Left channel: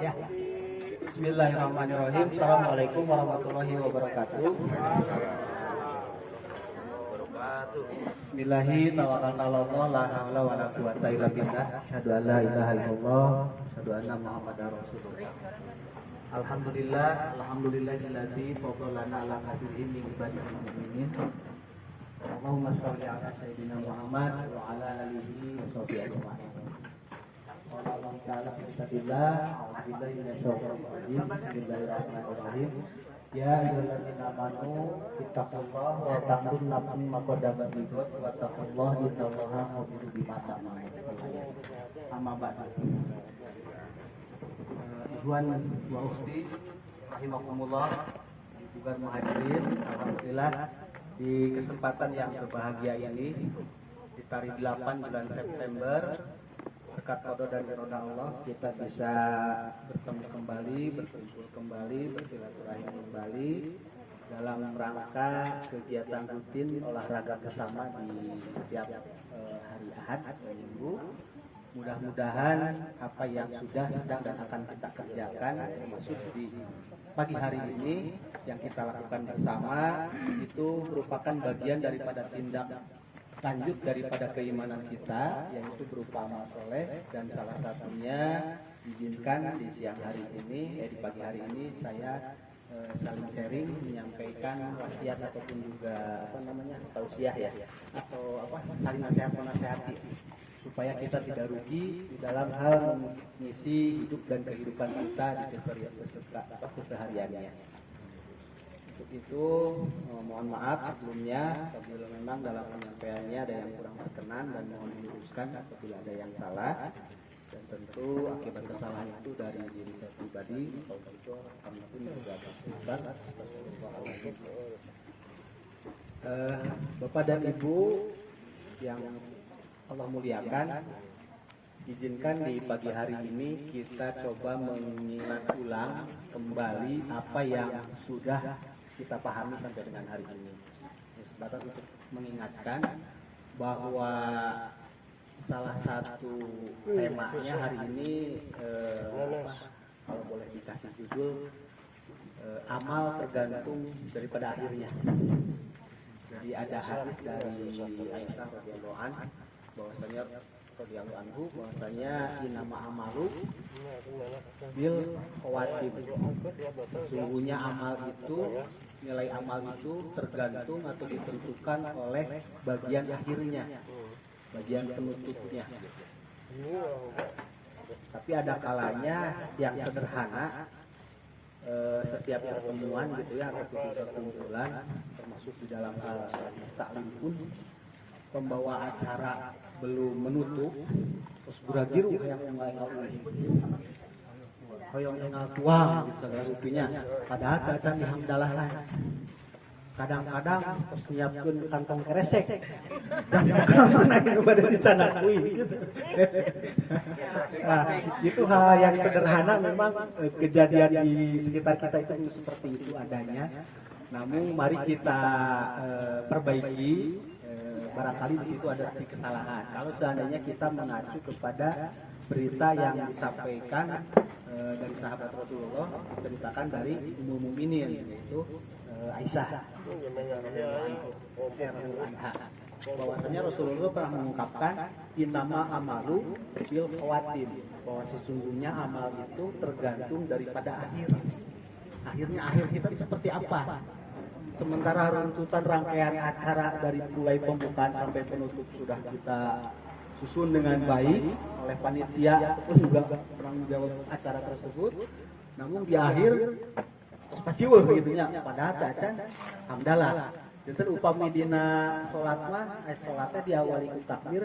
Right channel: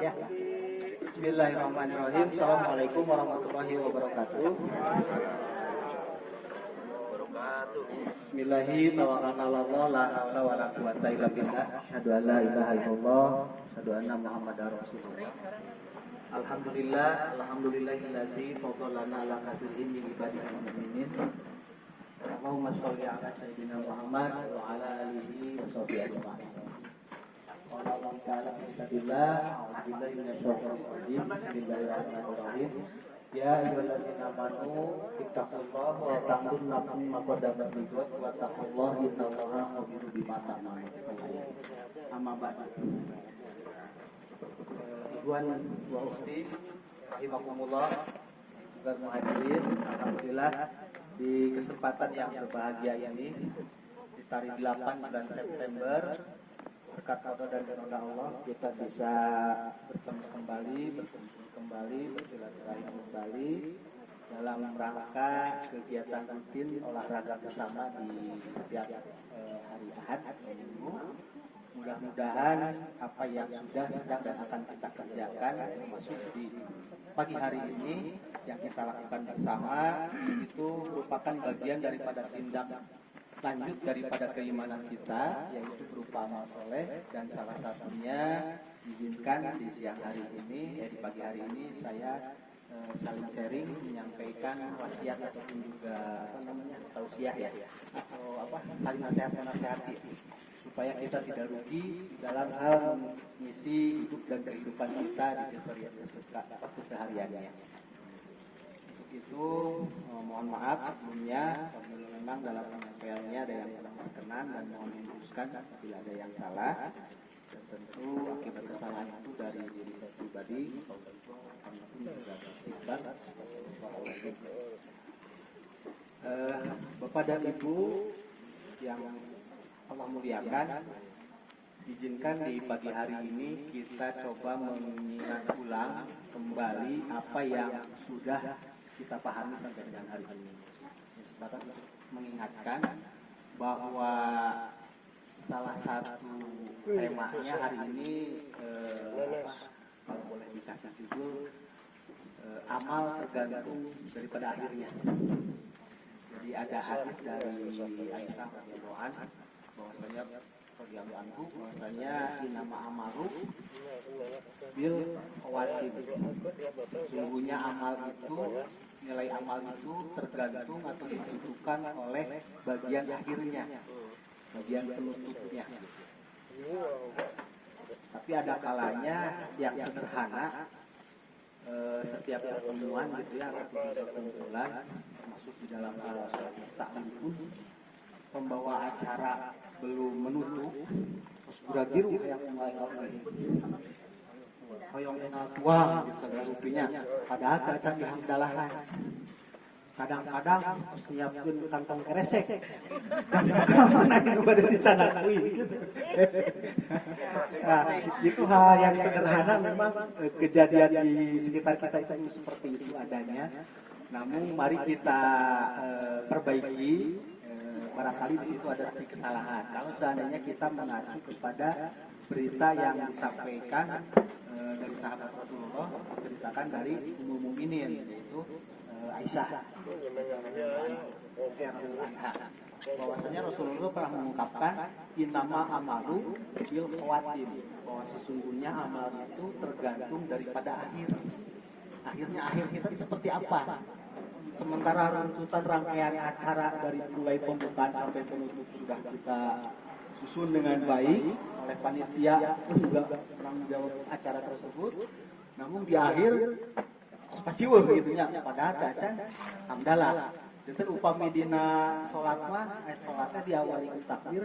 Ya. Bismillahirrahmanirrahim. Assalamualaikum warahmatullahi wabarakatuh. Bismillahi tawakkalna 'alallah la haula wala quwwata illa billah. Asyhadu an la ilaha illallah, asyhadu anna Muhammadar Rasulullah. Alhamdulillahilladzi faddalana ala katsirin min ibadihi mu'minin. Allahumma shalli ala sayyidina Muhammad wa ala alihi wa sahbihi ajma'in. Bismillahirrahmanirrahim. Ya ayyuhalladzina amanu ittaqullaha wa tanzur nafsun ma qaddamat lighad wa taqullaha innallaha khabirum bima ta'malun. Amma ba'du. Ikhwan wa ukhti rahimakumullah, juga muhadirin, alhamdulillah di kesempatan yang berbahagia ini di tarik 8 bulan September berkat qada dan irada Allah kita bisa bertemu kembali, berkumpul kembali, bersilaturahim kembali dalam rangka kegiatan rutin olahraga bersama di setiap hari Ahad atau Minggu. Mudah-mudahan apa yang sudah, sedang dan akan kita kerjakan termasuk di pagi hari ini yang kita lakukan bersama itu merupakan bagian daripada tindak lanjut daripada keimanan kita, yaitu berupa amal soleh, dan salah satunya izinkan di siang hari ini, di pagi hari ini saya saling sharing menyampaikan wasiat ataupun juga tausiah ya, atau saling menasehati supaya kita tidak rugi di dalam hal misi hidup dan kehidupan kita di kesehariannya. Untuk itu mohon maaf sebelumnya apabila memang dalam penyampaiannya ada yang kurang berkenan, dan mohon diluruskan apabila ada yang salah, dan tentu akibat kesalahan itu dari diri saya pribadi atau tentu pun sudah bersifat. Bapak dan Ibu yang Allah muliakan, izinkan di pagi hari ini kita coba mengingat ulang kembali apa yang sudah kita pahami sampai dengan hari ini. Sebatas untuk mengingatkan bahwa salah satu temanya hari ini kalau boleh dikasih judul amal tergantung daripada akhirnya. Jadi ada hadis dari Aisyah radhiyallahu anha bahwasanya inama amalu bil khawatim. Sesungguhnya amal itu, nilai amal itu tergantung atau ditentukan oleh bagian akhirnya, bagian penutupnya. Tapi ada kalanya yang sederhana, setiap pertemuan gitu ya, atau perkumpulan, termasuk di dalam hal taklim pun, pembawa acara belum menutup terus beragiru yang mulai hoyong tuang gitu saudara rupinya, padahal kacan yang dalah kadang-kadang nyiapin kantong keresek dan mana yang pada di sana nah, itu hal yang sederhana, memang kejadian di sekitar kita itu seperti itu adanya. Namun mari kita perbaiki. Barangkali di situ ada kesalahan. Kalau seandainya kita mengacu kepada berita yang disampaikan dari sahabat Rasulullah, ceritakan dari Ummul Mukminin, yaitu Aisyah, bahwasanya Rasulullah pernah mengungkapkan innama amalu bil khawatim, bahwa sesungguhnya amal itu tergantung daripada akhirnya akhir kita seperti apa. Sementara runtutan rangkaian acara dari mulai pembukaan sampai penutup sudah kita susun dengan baik oleh panitia ataupun juga penanggung jawab acara tersebut. Namun di akhir terus paciweuh gitu nya, padahal cacan hamdalah. Itu upami dina salat mah salatnya diawali ku takbir,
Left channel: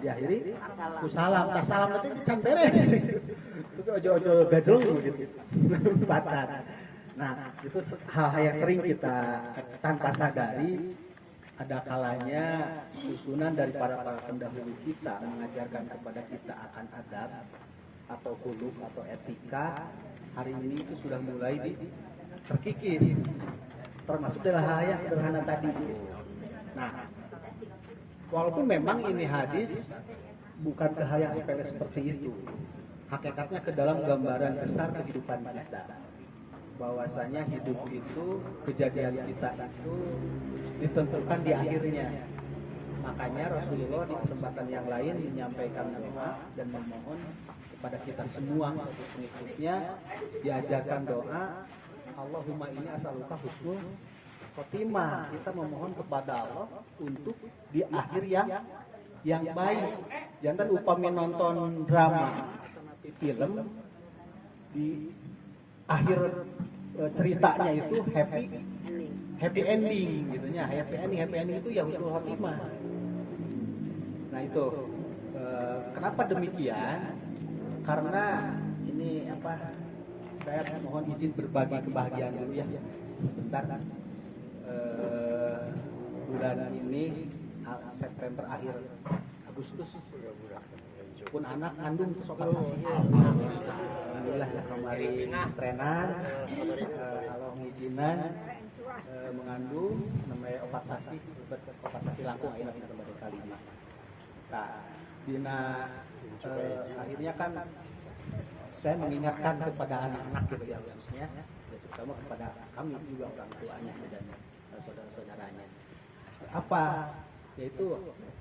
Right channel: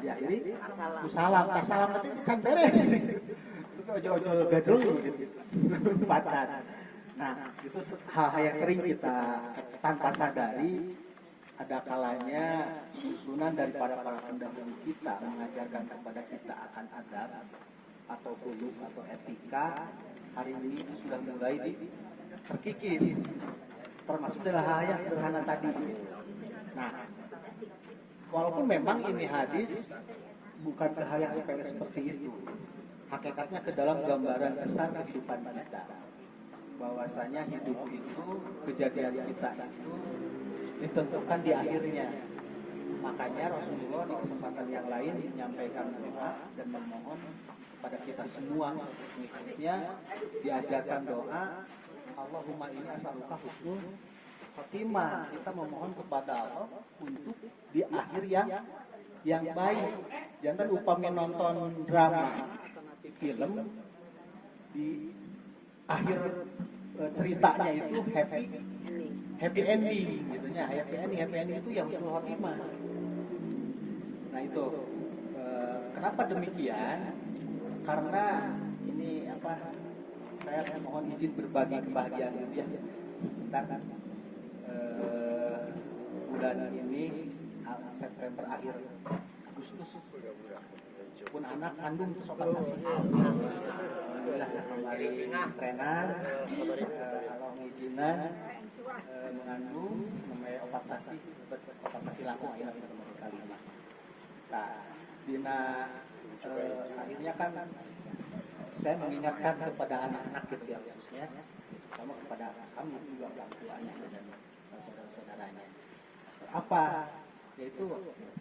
diakhiri ku salam. Tah salam teh can beres. Itu ojo-ojo gadung gitu. Patat. Nah, itu hal-hal yang sering kita tanpa sadari, ada kalanya susunan dari para pendahulu kita mengajarkan kepada kita akan adab atau khuluq atau etika. Hari ini itu sudah mulai terkikis, termasuk dari hal-hal yang sederhana tadi. Nah, walaupun memang ini hadis bukan ke hal yang sepele seperti itu. Hakikatnya ke dalam gambaran besar kehidupan kita. Bahwasanya hidup itu, kejadian kita itu ditentukan di akhirnya. Makanya Rasulullah di kesempatan yang lain menyampaikan doa dan memohon kepada kita semua pengikutnya, diajarkan doa, Allahumma ini as'aluka husnul khotimah. Kita memohon kepada Allah untuk di akhir yang baik. Jangan upamanya nonton drama film di akhir ceritanya itu happy ending gitu ya. Happy ending itu ya husnul khotimah. Nah itu kenapa demikian? Karena ini saya mohon izin berbagi kebahagiaan dulu ya sebentar. Bulan ini September akhir Agustus pun anak kandung sokat sasi. Alhamdulillah kemarin strenan kalau ngizinan mengandung namanya obat sasi langkung akhirnya kita baru kali ini. Nah, dina akhirnya kan saya mengingatkan kepada anak-anak gitu ya khususnya, terutama kepada kami juga orang tuanya dan saudara-saudaranya. Apa? Yaitu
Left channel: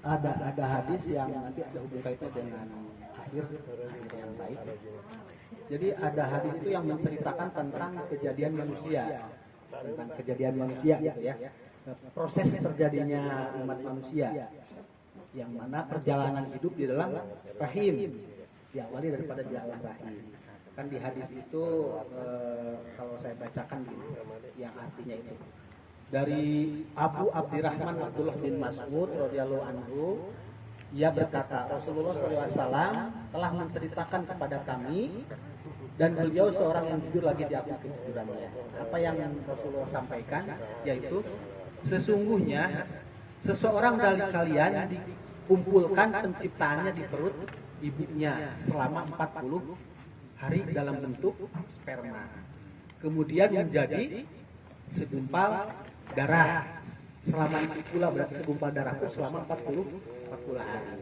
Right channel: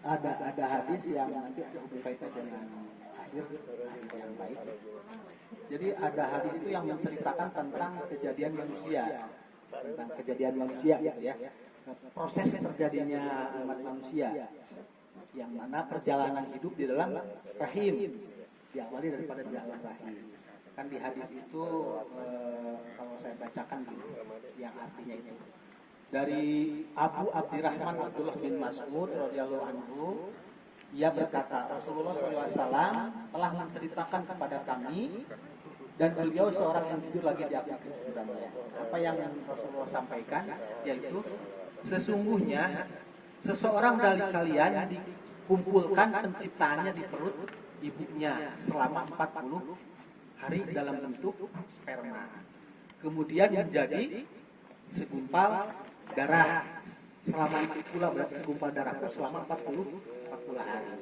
ada hadis yang nanti ada hubungan kaitan dengan akhir yang baik. Jadi ada hadis itu yang menceritakan tentang kejadian manusia gitu ya. Proses terjadinya umat manusia yang mana perjalanan hidup di dalam rahim diawali daripada di alam rahim. Kan di hadis itu kalau saya bacakan gitu yang artinya itu dari Abu Abdurrahman Abdullah bin Mas'ud radhiyallahu anhu, ia berkata Rasulullah SAW telah menceritakan kepada kami, dan beliau seorang yang jujur lagi diakui kejujurannya. Apa yang Rasulullah sampaikan yaitu sesungguhnya seseorang dari kalian dikumpulkan penciptaannya di perut ibunya selama 40 hari dalam bentuk sperma. Kemudian menjadi segumpal darah. Selama itu pula berarti segumpal darah itu selama 40 hari.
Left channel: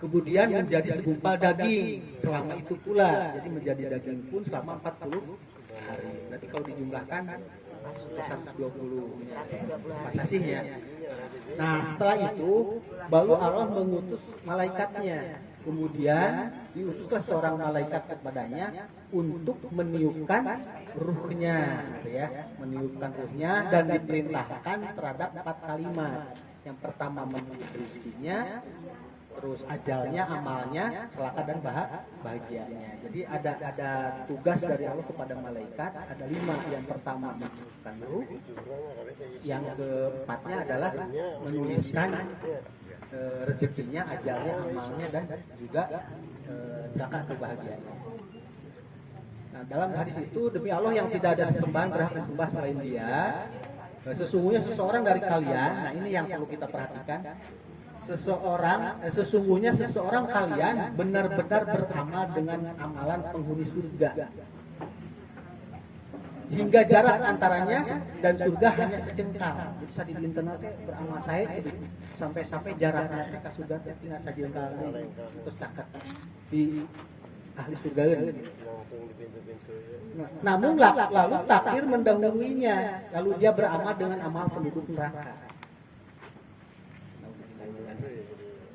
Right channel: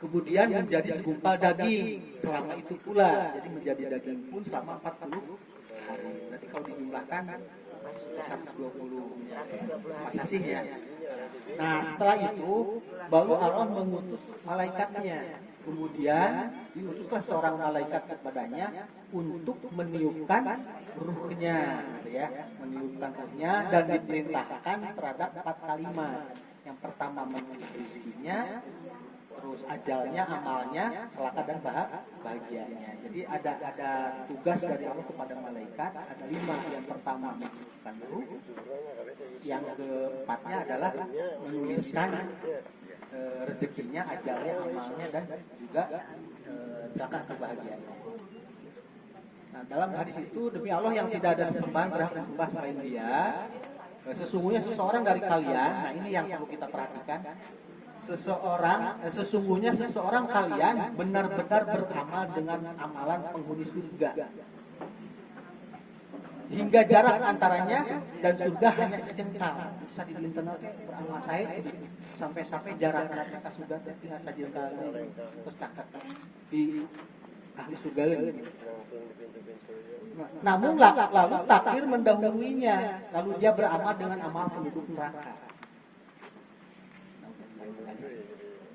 Kemudian menjadi segumpal daging selama itu pula. Jadi menjadi daging pun selama 40 hari. Berarti kalau dijumlahkan 120 sasih ya. Nah setelah itu baru Allah mengutus malaikatnya. Kemudian diutuslah seorang malaikat kepadanya untuk meniupkan ruhnya, ya, meniupkan ruhnya dan diperintahkan terhadap 4 kalimat. Yang pertama menulis rezekinya, terus ajalnya, amalnya, celaka dan bahagianya. Jadi ada tugas dari Allah kepada malaikat, ada 5. Yang pertama menuliskan ruh, yang keempatnya adalah menuliskan rezekinya, ajalnya, amalnya dan juga celaka atau bahagianya. Nah, dalam hadis itu demi Allah yang tidak ada sesembahan berhak disembah selain Dia, sesungguhnya seseorang dari kalian, nah ini yang perlu kita perhatikan, sesungguhnya seseorang kalian benar-benar beramal dengan amalan penghuni surga, hingga jarak antaranya dan surga hanya sejengkal. Bisa dilinten beramal saya sampai jarak ke surga tinggal sejengkal terus caket di ahli surga ini. Namun lalu takdir mendahuluinya, lalu dia beramal dengan amal penduduk neraka.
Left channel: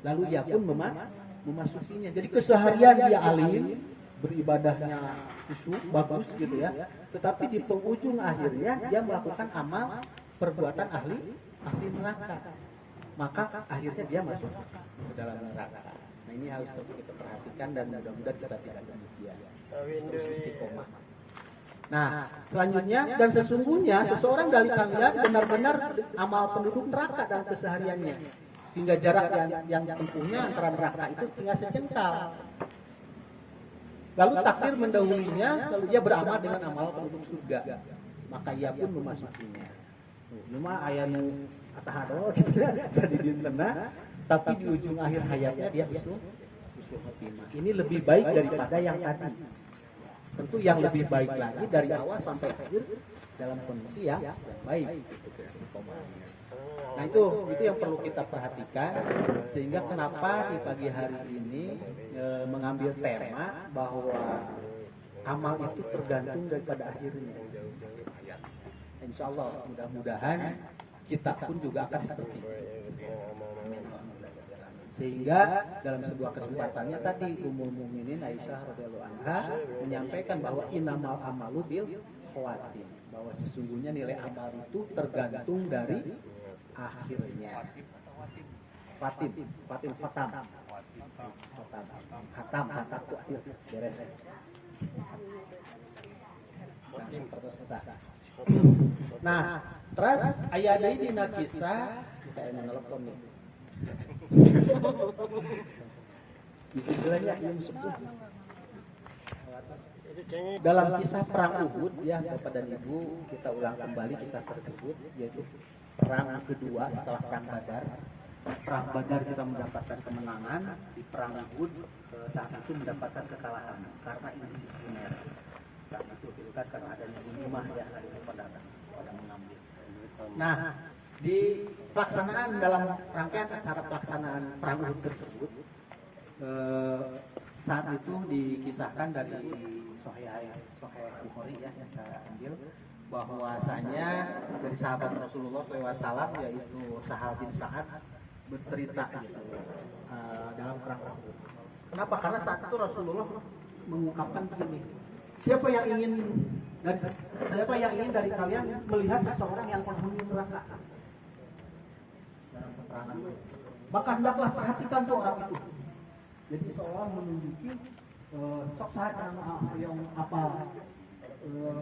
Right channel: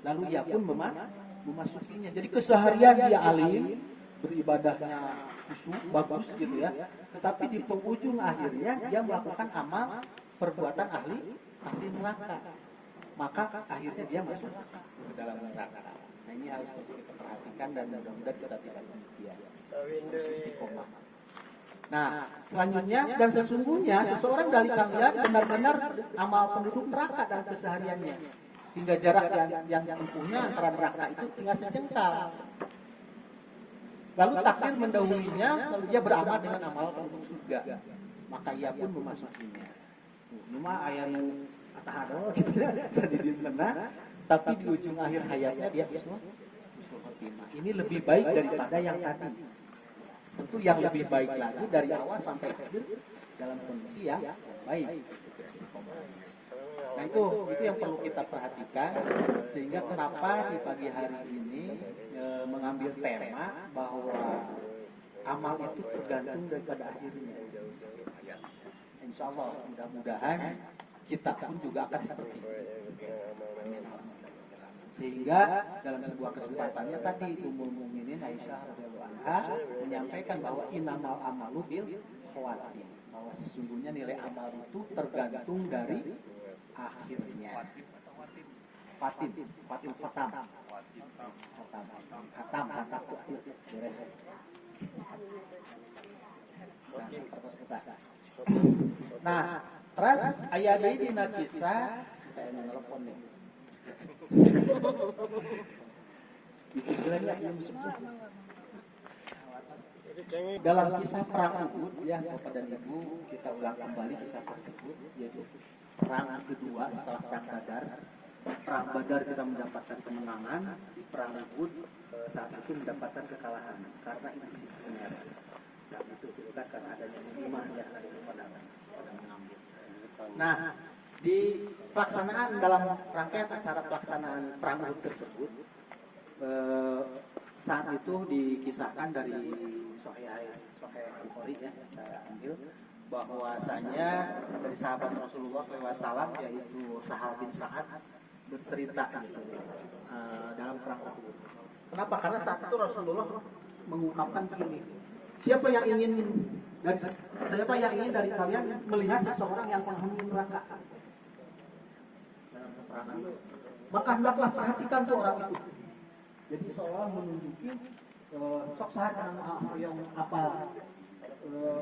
Lalu ia pun memasukinya. Jadi keseharian dia alim, beribadahnya khusyuk, bagus gitu ya. Tetapi di penghujung akhirnya dia melakukan amal perbuatan ahli neraka. Maka akhirnya dia masuk ke dalam neraka. Nah ini harus kita perhatikan dan mudah-mudahan kita tidak demikian. Istiqomah. Nah selanjutnya, dan sesungguhnya seseorang dari kalian benar-benar amal penduduk neraka dan kesehariannya, hingga jarak yang tempuhnya antara neraka itu tinggal sejengkal. Lalu takdir mendahulunya, lalu dia beramal dengan amal penduduk surga, maka ia pun memasukinya. Ini mah ayat kata hado gitu ya, sedikit benar, tapi di ujung akhir hayatnya dia husnul khotimah. Ini lebih baik daripada yang tadi. Tentu yang lebih baik lagi dari awal sampai akhir dalam kondisi yang baik. Nah itu yang perlu kita perhatikan, sehingga kenapa di pagi hari ini mengambil tema bahwa amal itu tergantung daripada akhirnya. Insya Allah mudah-mudahan kita pun juga akan seperti itu. Sehingga dalam sebuah kesempatannya tadi Ummul Mukminin Aisyah radhiyallahu anha menyampaikan bahwa innamal amalu bil khawatim, bahwa sesungguhnya nilai amal itu tergantung dari akhirnya. Khatam tuh akhir beres. Nah, terus aya deui dina kisah kayak nelpon nih. Dalam kisah perang Uhud ya Bapak dan Ibu, kita ulang kembali kisah tersebut, yaitu perang kedua setelah perang Badar. Perang Badar kita mendapatkan kemenangan, di perang Uhud saat itu mendapatkan kekalahan karena indisipliner. Saat itu kan karena adanya hikmah ya, adanya pada mengambil. Nah, di pelaksanaan dalam rangkaian acara pelaksanaan perang Uhud tersebut, saat itu dikisahkan dari Sahih Bukhari ya yang saya ambil, bahwasanya dari sahabat Rasulullah SAW yaitu Sahal bin Sa'ad bercerita gitu, dalam perang Uhud. Kenapa? Karena saat itu Rasulullah mengungkapkan begini, siapa yang ingin dari kalian melihat seseorang yang penghuni neraka, maka hendaklah perhatikan tuh orang itu. Jadi seolah menunjuki sok saat yang apa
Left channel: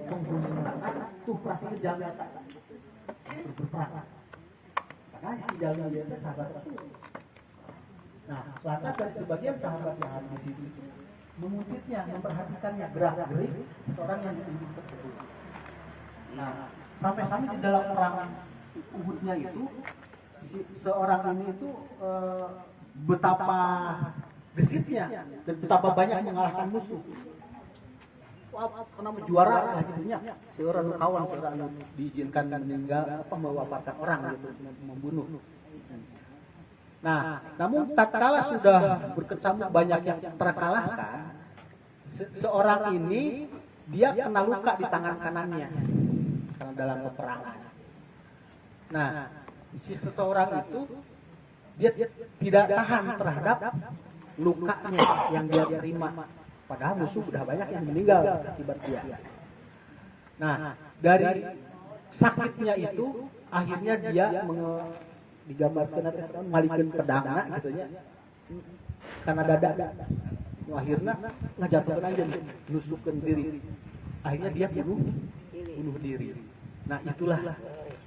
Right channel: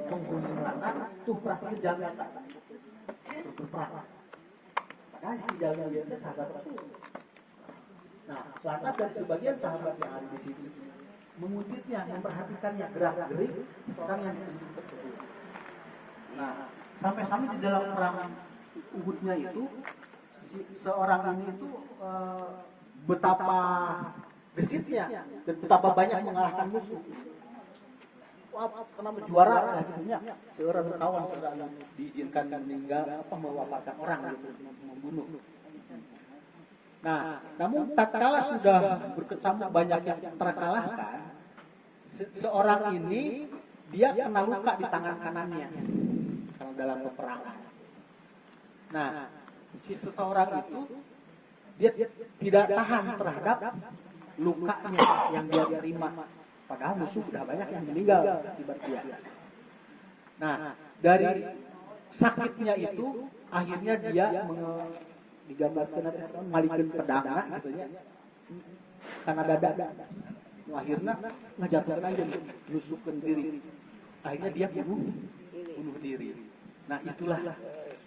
penghuni neraka tuh perhatikan jalan tak berperang. Karena si jalan dia itu sahabat Rasul. Nah, lantas dari sebagian sahabat yang ada di situ mengutipnya, memperhatikannya gerak-gerik seorang yang ditunjuk tersebut. Nah, sampai-sampai di dalam perang Uhudnya itu seorang ini itu betapa gesitnya dan betapa banyak mengalahkan musuh. Wah, karena juara akhirnya seorang kawan seorang diizinkan meninggal mewafatkan orang gitu, membunuh. Nah, namun tatkala sudah berkecamuk banyak yang terkalahkan, seorang ini dia kena luka di tangan kanannya karena dalam peperangan. Nah, si seseorang itu dia tidak tahan terhadap lukanya yang dia terima, padahal musuh sudah banyak yang meninggal akibat dia. Nah, dari sakitnya itu akhirnya dia digambarkan ngalikeun pedangna gitu ya, karena dada akhirnya ngajatuhkeun aja, nusukkeun diri, akhirnya dia bunuh diri. Nah, itulah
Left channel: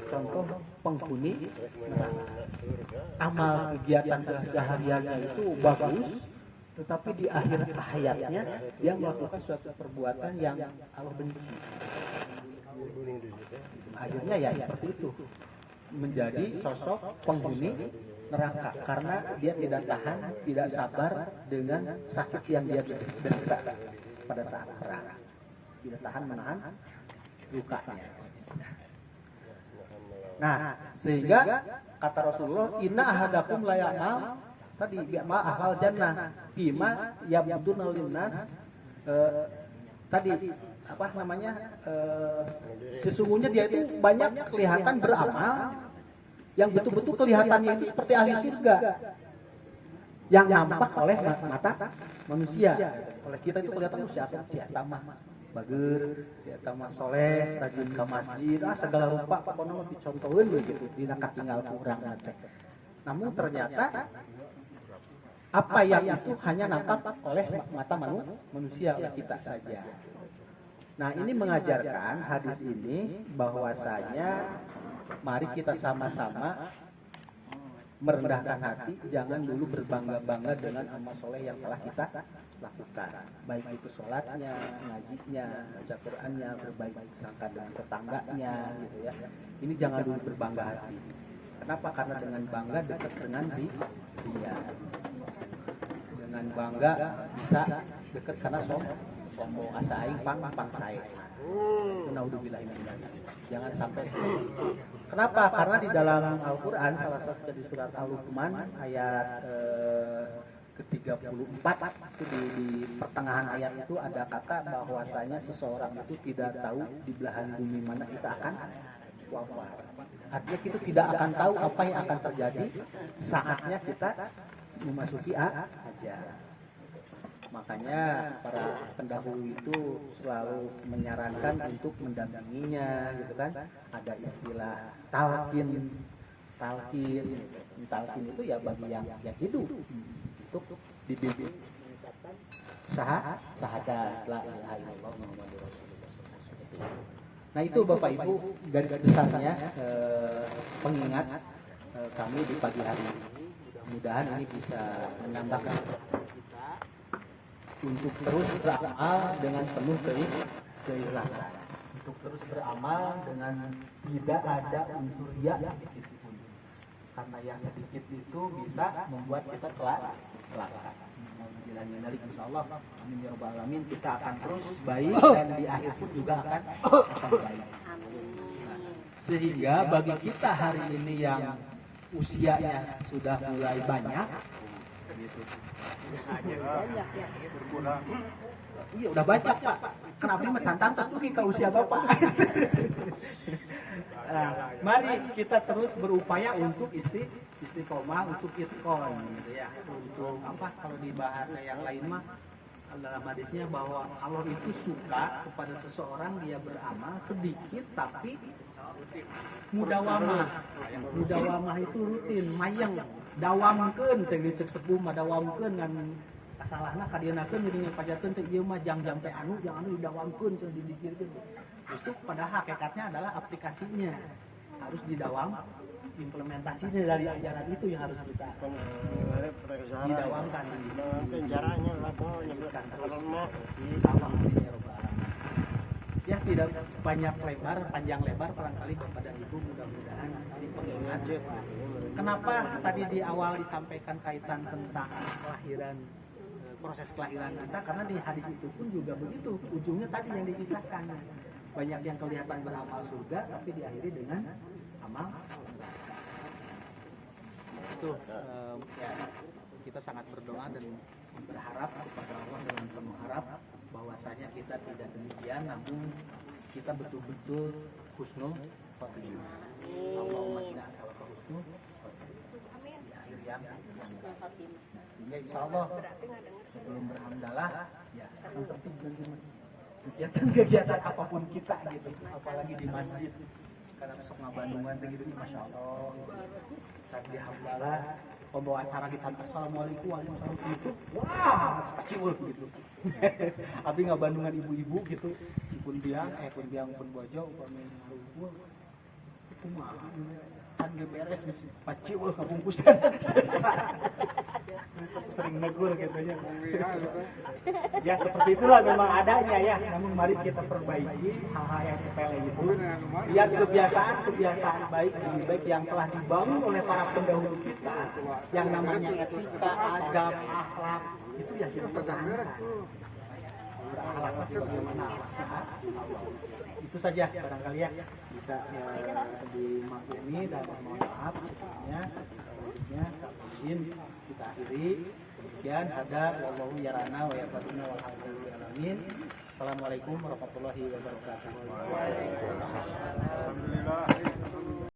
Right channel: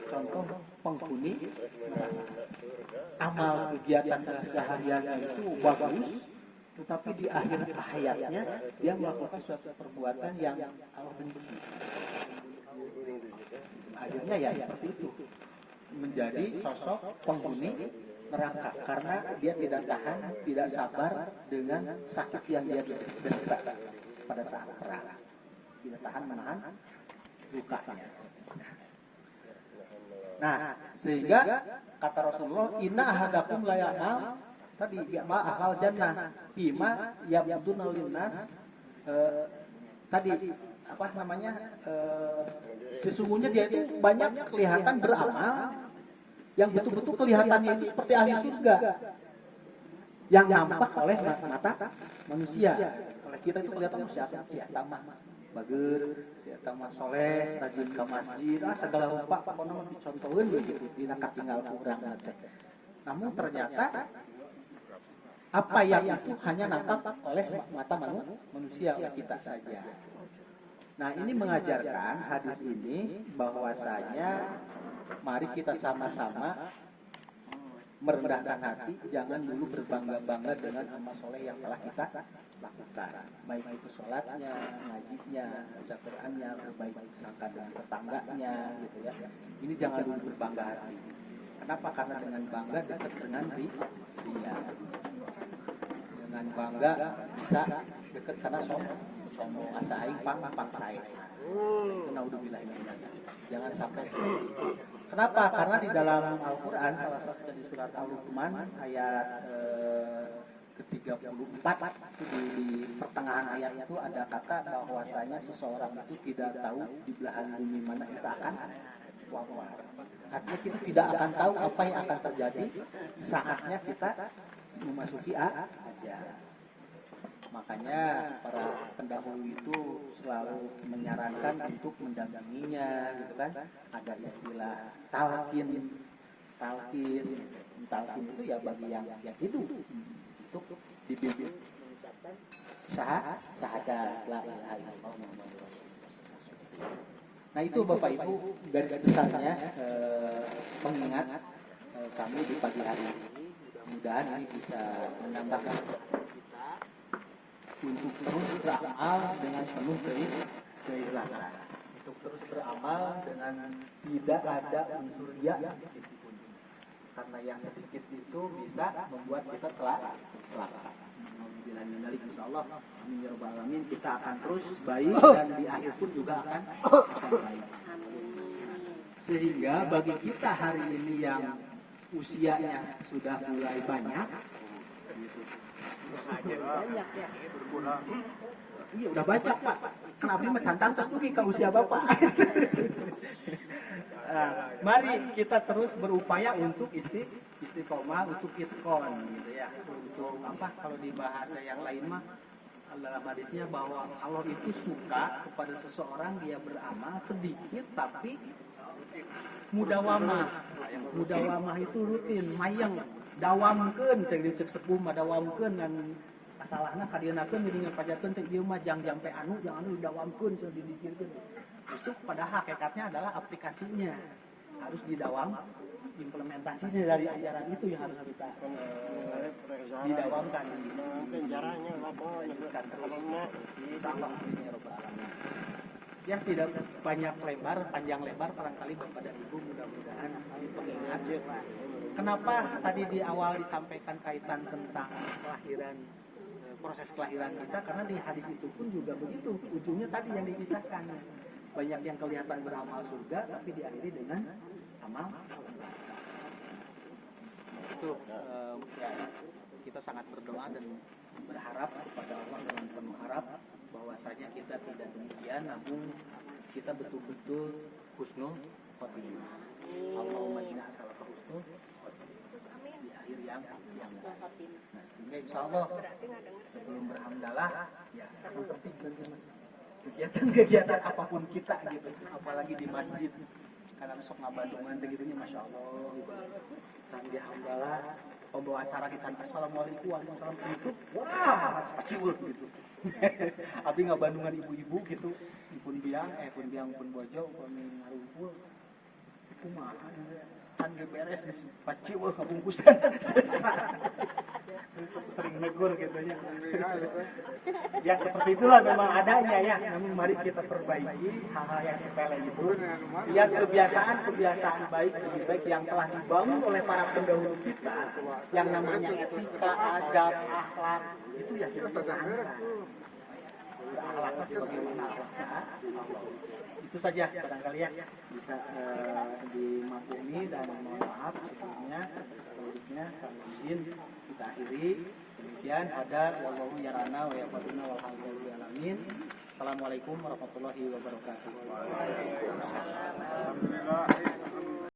contoh penghuni neraka. Amal kegiatan sehari-harinya itu bagus, tetapi di akhir hayatnya dia melakukan suatu perbuatan yang Allah benci. Akhirnya ya seperti itu, menjadi sosok penghuni neraka karena dia tidak tahan, tidak sabar dengan sakit yang dia derita pada saat perang, tidak tahan menahan lukanya. Nah, sehingga kata Rasulullah, inna ahadakum la ya'mal tadi ma ahal jannah bima yabdunal linnas, tadi apa namanya, sesungguhnya dia itu banyak kelihatan beramal yang betul-betul kelihatannya itu seperti ahli surga yang nampak oleh mata manusia. Oleh kita itu kelihatan siapa mah bager, siapa mah soleh, rajin ke masjid, segala rupa pokoknya dicontohin begitu, dina katinggal kurang teh. Namun ternyata apa yang itu hanya nampak oleh mata manusia, oleh kita saja. Nah, ini mengajarkan hadis ini bahwasanya mari kita sama-sama merendahkan hati, jangan dulu berbangga-bangga dengan amal soleh yang telah kita lakukan, baik itu sholatnya, ngajinya, baca Qur'annya, berbaik sangka dengan tetangganya, gitu ya. Ini jangan dulu berbangga hati. Kenapa? Karena dengan bangga dekat dengan dia. Dengan bangga bisa dekat karena sombong asa aing pang sae. Naudzubillah. Jangan sampai seperti itu. Kenapa? Karena di dalam Al-Quran salah satu di surat Al-Luqman ayat ke-34 itu di pertengahan ayat itu ada kata bahwasanya seseorang itu tidak tahu di belahan bumi mana kita akan wafat. Artinya kita tidak akan tahu apa yang akan terjadi saatnya kita memasuki ajal. Makanya para pendahulu itu selalu menyarankan untuk mendampinginya, gitu kan. Ada istilah talqin itu ya bagi yang hidup untuk dibimbing syahadat la ilaha illallah Muhammadur Rasulullah. Nah itu Bapak Ibu garis besarnya pengingat kami di pagi hari ini. Mudah-mudahan ini bisa menambah kita untuk terus beramal dengan penuh keikhlasan, untuk terus beramal dengan tidak ada unsur riya sedikit pun, karena yang sedikit itu bisa membuat kita celaka. Insyaallah, amin ya rabbal alamin, kita akan terus baik dan di akhir pun juga akan baik. Sehingga bagi kita hari ini yang usianya sudah mulai banyak, banyak ya. Iya udah banyak Pak. Kenapa ini mencantam terus mungkin ke usia Bapak. Nah, mari kita terus berupaya untuk istiqomah, untuk itkon gitu ya. Untuk apa kalau di bahasa yang lain mah dalam hadisnya bahwa Allah itu suka kepada seseorang dia beramal sedikit tapi mudawamah. Mudawamah itu rutin, mayang dawamkeun cek sepuh mah dawamkeun ngan kasalahna kadienakeun jadi ngapajakeun teh ieu mah jang jampe anu didawamkeun cenah didikirkeun. Justru pada hakikatnya adalah aplikasinya harus didawam, implementasinya dari ajaran itu yang harus kita didawamkan. Penjaranya lanjutkan terus. Insyaallah ya rabbal alamin. Ya tidak banyak lebar, panjang lebar barangkali Bapak dan Ibu mudah-mudahan ini pengingat. Kenapa tadi di awal disampaikan kaitan tentang kelahiran, proses kelahiran kita, karena di hadis itu pun juga begitu, ujungnya tadi yang dikisahkan. Banyak yang kelihatan beramal surga tapi diakhiri dengan amal neraka. Itu ya, kita sangat berdoa dan berharap kepada Allah dengan penuh harap bahwasanya kita tidak demikian, namun kita betul-betul husnul khotimah. Allahumma inna as'aluka husnul khotimah di akhir yang nah, sehingga insyaallah sebelum berhamdalah ya yang penting kegiatan apapun kita gitu, apalagi di masjid karena besok ngabandungan begitu, masya Allah tadi di hamdalah pembawa acara kita assalamualaikum waalaikumsalam penutup wah paciweuh gitu. Abi ngabandungan ibu-ibu gitu pun biang pun bojo upami ngarumpul kumaha can ge beres geus paciweuh kabungkusan sering negur gitu ya. Ya seperti itulah memang adanya ya. Namun mari kita perbaiki hal-hal yang sepele itu. Lihat kebiasaan baik lebih baik yang telah dibangun oleh para pendahulu kita, yang namanya etika, adab, akhlak itu ya kita pertahankan. Akhlak masih bagaimana akhlaknya Allah. Itu saja barangkali ya bisa dimaklumi dan mohon maaf sebelumnya. Selanjutnya kami izin kita akhiri. Demikian ada wallahu yarana wa yaqaduna walhamdulillahi alamin. Assalamualaikum warahmatullahi wabarakatuh. Waalaikumsalam.